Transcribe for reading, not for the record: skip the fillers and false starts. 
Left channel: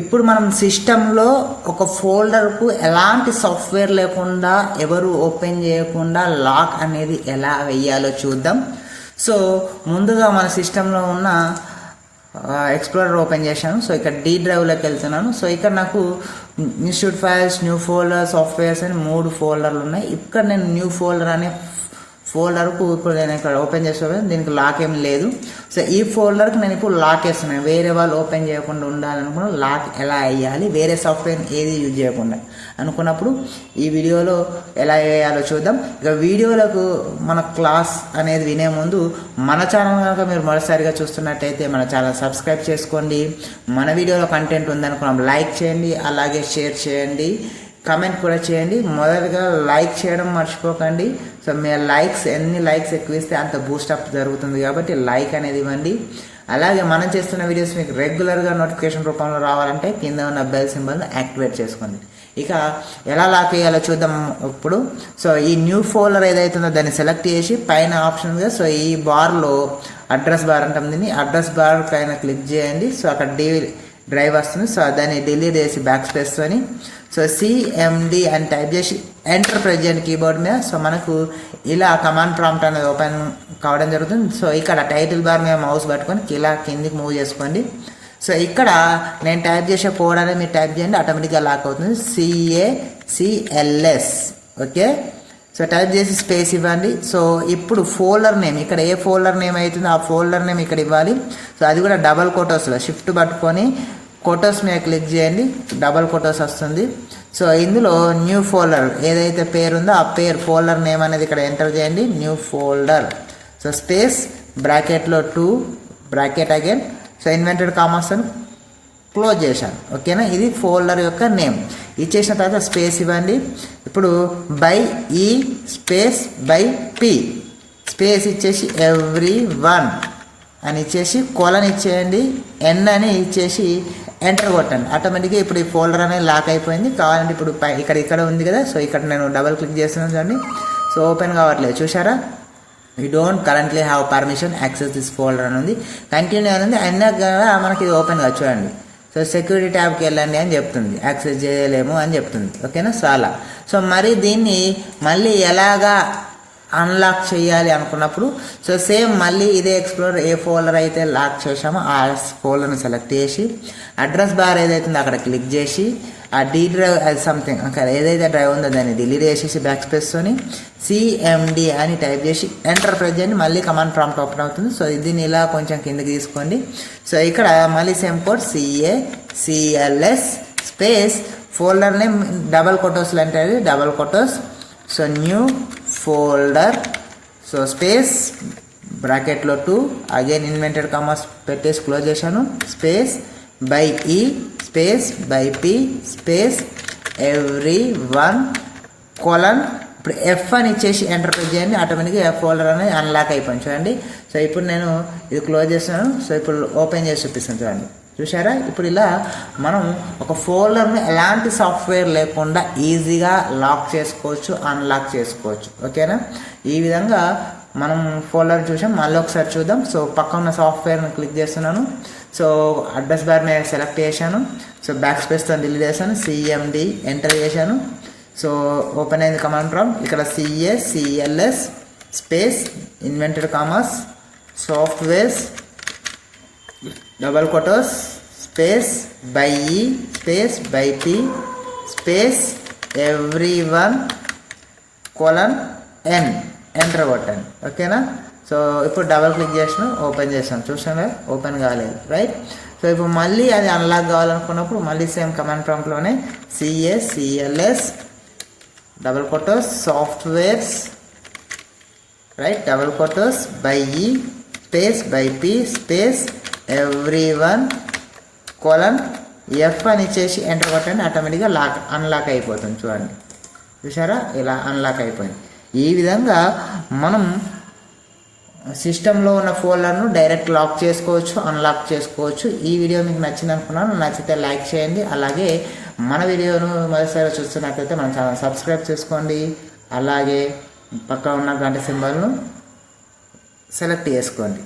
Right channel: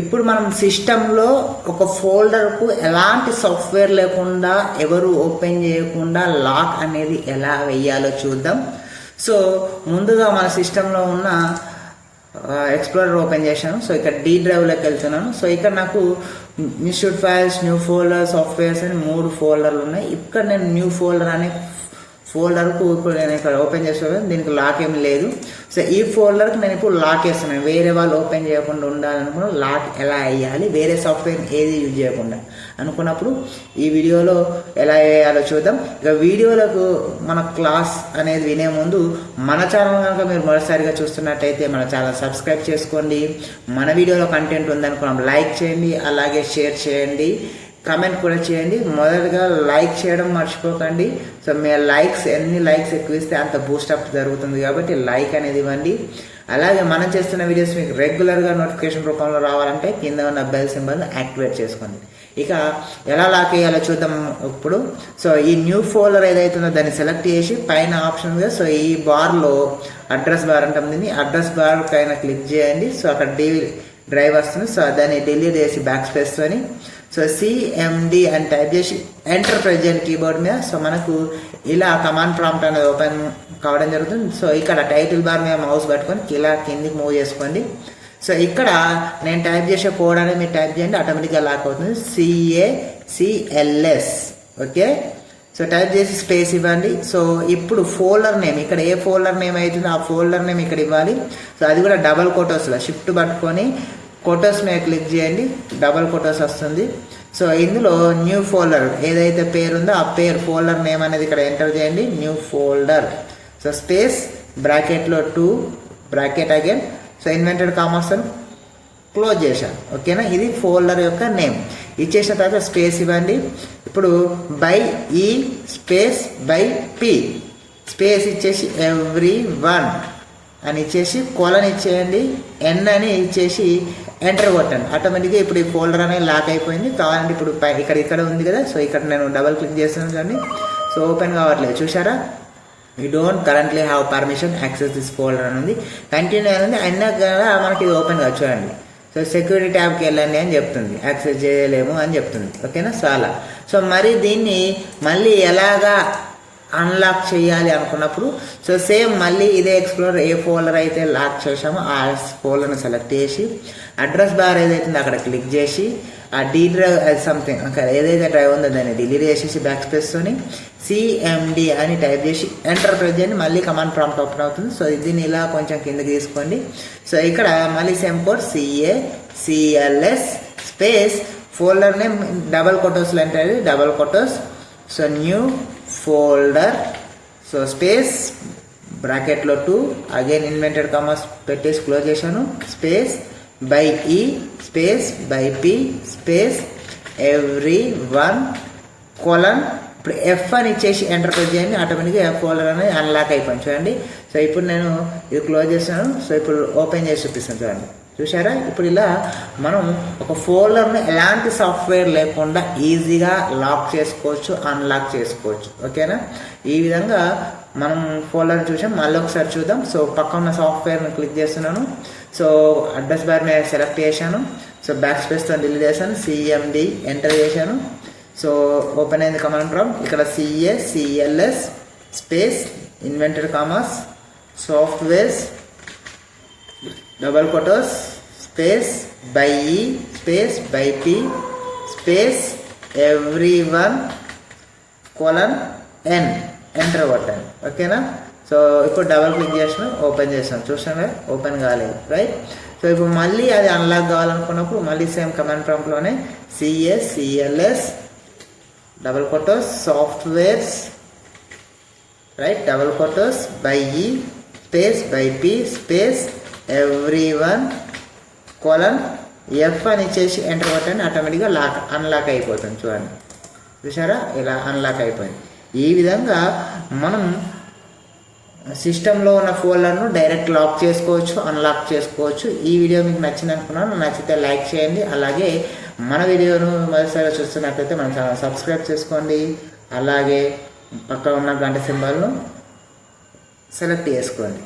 ఇప్పుడు మనం సిస్టంలో ఒక ఫోల్డర్కు ఎలాంటి సాఫ్ట్వేర్ లేకుండా ఎవరు ఓపెన్ చేయకుండా లాక్ అనేది ఎలా వేయాలో చూద్దాం. సో ముందుగా మన సిస్టంలో ఉన్న ఎక్స్ప్లోరర్ ఓపెన్ చేశాను. సో ఇక్కడ డి డ్రైవ్లోకి వెళ్తున్నాను. సో ఇక్కడ నాకు institute files, new folder, softwares అని 3 ఫోల్డర్లు ఉన్నాయి. ఇక్కడ నేను న్యూ ఫోల్డర్ అనే ఫోల్డర్కు ఇప్పుడు నేను ఇక్కడ ఓపెన్ చేస్తున్నాను. దీనికి లాక్ ఏం లేదు. సో ఈ ఫోల్డర్కి నేను ఇప్పుడు లాక్ వేస్తున్నాను. వేరే వాళ్ళు ఓపెన్ చేయకుండా ఉండాలనుకున్న లాక్ ఎలా వేయాలి, వేరే సాఫ్ట్వేర్ ఏది యూజ్ చేయకుండా అనుకున్నప్పుడు ఈ వీడియోలో ఎలా వేయాలో చూద్దాం. ఇక వీడియోలకు మన క్లాస్ అనేది వినే ముందు మన ఛానల్ కనుక మీరు మొదటిసారిగా చూస్తున్నట్టయితే మన ఛానల్ సబ్స్క్రైబ్ చేసుకోండి. మన వీడియోలో కంటెంట్ ఉందనుకున్నాం లైక్ చేయండి, అలాగే షేర్ చేయండి, కమెంట్ కూడా చేయండి. మొదటగా లైక్ చేయడం మర్చిపోకండి. సో మీ లైక్స్ ఎన్ని లైక్స్ ఎక్కువ ఇస్తే అంత బూస్టప్ జరుగుతుంది కాబట్టి లైక్ అనేది ఇవ్వండి. అలాగే మనం చేస్తున్న వీడియోస్ మీకు రెగ్యులర్గా నోటిఫికేషన్ రూపంలో రావాలంటే కింద ఉన్న బెల్ సింబల్ని యాక్టివేట్ చేసుకోండి. ఇక ఎలా లాక్ చేయాలో చూద్దాం ఇప్పుడు. సో ఈ న్యూ ఫోల్డర్ ఏదైతుందో దాన్ని సెలెక్ట్ చేసి పైన ఆప్షన్గా సో ఈ బార్లో అడ్రస్ బార్ ఉంటుంది. అడ్రస్ బార్ పైన క్లిక్ చేయండి. సో అక్కడ డ్రైవ్ వస్తుంది. సో దాన్ని డిలీట్ చేసి బ్యాక్ స్పేస్ అని సో సిఎండి అని టైప్ చేసి ఎంటర్ ప్రెస్ చేయండి కీబోర్డ్ మీద. సో మనకు ఇలా కమాండ్ ప్రాంప్ట్ అనేది ఓపెన్ కావడం జరుగుతుంది. సో ఇక్కడ టైటిల్ బార్ మీద మౌస్ పట్టుకొని ఇలా కిందికి మూవ్ చేసుకోండి. సో ఇక్కడ నేను టైప్ చేసే కోడ్ అనేది మీరు టైప్ చేయండి, ఆటోమేటిక్గా లాక్ అవుతుంది. CACLS okay. సో టైప్ చేసి స్పేస్ ఇవ్వండి. సో ఇప్పుడు ఫోల్డర్ నేమ్ ఇక్కడ ఏ ఫోల్డర్ నేమ్ అవుతుందో ఆ ఫోల్డర్ నేమ్ ఇక్కడ ఇవ్వాలి. సో అది కూడా డబల్ కోటోస్లో షిఫ్ట్ పట్టుకొని కోటోస్ మీద క్లిక్ చేయండి, డబల్ కోటోస్ వస్తుంది. సో ఇందులో న్యూ ఫోల్డర్ ఏదైతే పేరు ఉందో ఆ పేరు ఫోల్డర్ నేమ్ అనేది ఇక్కడ ఎంటర్ చేయండి. న్యూ ఫోల్డర్ సో స్పేస్ బ్రాకెట్లో 2 bracket again so invented commerce అని క్లోజ్ చేశాను. ఓకేనా, ఇది ఫోల్డర్ యొక్క నేమ్. ఇచ్చేసిన తర్వాత స్పేస్ ఇవ్వండి. ఇప్పుడు by E space by P space ఇచ్చేసి ఎవ్రీ1 అని ఇచ్చేసి కోలన్ ఇచ్చేయండి, ఎన్ అని ఇచ్చేసి ఎంటర్ కొట్టండి. ఆటోమేటిక్గా ఇప్పుడు ఈ ఫోల్డర్ అనేది లాక్ అయిపోయింది. కావాలంటే ఇప్పుడు ఇక్కడ ఉంది కదా, సో ఇక్కడ నేను డబల్ క్లిక్ చేస్తున్నాను దాన్ని. సో ఓపెన్ కావట్లేదు చూసారా. You don't currently have permission access this folder అని ఉంది. కంటిన్యూ అని అయినా కదా మనకి ఇది ఓపెన్ కాదు చూడండి. సో సెక్యూరిటీ ట్యాబ్కి వెళ్ళండి అని చెప్తుంది, యాక్సెస్ చేయలేము అని చెప్తుంది. ఓకేనా, సో అలా. సో మరి దీన్ని మళ్ళీ ఎలాగా అన్లాక్ చేయాలి అనుకున్నప్పుడు సో సేమ్ మళ్ళీ ఇదే ఎక్స్ప్లోరర్ ఏ ఫోల్డర్ అయితే లాక్ చేసామో ఆ ఫోల్డర్ని సెలెక్ట్ చేసి అడ్రస్ బార్ ఏదైతుందో అక్కడ క్లిక్ చేసి ఆ డి డ్రైవ్ అది సంథింగ్ అక్కడ ఏదైతే డ్రైవ్ ఉందో దాన్ని డిలీట్ చేసేసి బ్యాక్ స్పేస్తోని CMD అని టైప్ చేసి ఎంటర్ ప్రెస్ చేయండి. మళ్ళీ కమాండ్ ప్రాంప్ట్ ఓపెన్ అవుతుంది. సో దీన్ని ఇలా కొంచెం కిందకి తీసుకోండి. సో ఇక్కడ మళ్ళీ same code CACLS space folder name double కోటోస్లో అంటే double quotes so new folder so space బ్రాకెట్లో 2 అగైన్ ఇన్వెంటెడ్ కామర్స్ పెట్టేసి క్లోజ్ చేశాను. Space by E space by P space everyone colon ఇప్పుడు F అని ఇచ్చేసి ఎంటర్ ప్రెస్ చేయండి. ఆటోమేటిక్గా F ఫోల్డర్ అనేది అన్లాక్ అయిపోయింది చూడండి. సో ఇప్పుడు నేను ఇది క్లోజ్ చేస్తాను. సో ఇప్పుడు ఓపెన్ చేసి చూపిస్తాను చూడండి. చూసారా, ఇప్పుడు ఇలా మనం ఒక ఫోల్డర్ని ఎలాంటి సాఫ్ట్వేర్ లేకుండా ఈజీగా లాక్ చేసుకోవచ్చు, అన్లాక్ చేసుకోవచ్చు. ఓకేనా, ఈ విధంగా మనం ఫోల్డర్ చూసాం. మళ్ళీ ఒకసారి చూద్దాం. సో పక్కన ఉన్న సాఫ్ట్వేర్ని క్లిక్ చేస్తున్నాను. సో అడ్రస్ బార్ మీద సెలెక్ట్ చేశాను. సో బ్యాక్ స్పేస్తో డిలీట్ చేశాను. CMD ఎంటర్ చేశాను. సో ఓపెన్ అయింది కమాండ్ ప్రాంప్ట్. ఇక్కడ CACLS space invented commerce softwares double quotes space by E space by P space everyone colon N enter కొట్టండి. ఓకేనా, so ఇప్పుడు డబల్ క్లిక్ చేసిన ఓపెన్ చేసాను. చూసాను ఓపెన్ కాలేదు రైట్. సో ఇప్పుడు మళ్ళీ అది అన్లాక్ కావాలనుకున్నప్పుడు మళ్ళీ సేమ్ కమాండ్ ప్రాంప్ట్లోనే CACLS double quotes softwares right double quotes by E space by P space everyone colon F అని ఇచ్చేసి ఎంటర్ కొట్టండి. ఆటోమేటిక్గా అన్లాక్ అయిపోతుంది చూడండి. చూసారా, ఇలా అన్లాక్ అయిపోయింది. ఈ విధంగా మనం సిస్టంలో ఉన్న ఫోల్డర్ను డైరెక్ట్ లాక్ చేసుకోవచ్చు, అన్లాక్ చేసుకోవచ్చు. ఈ వీడియో మీకు నచ్చింది అనుకున్నాను. నచ్చితే లైక్ చేయండి. అలాగే మన వీడియోను మొదటిసారి చూస్తున్నట్లయితే మన ఛానల్ సబ్స్క్రైబ్ చేసుకోండి. అలాగే పక్కన ఉన్న గంట సింబల్ను సెలెక్ట్ చేసుకోండి.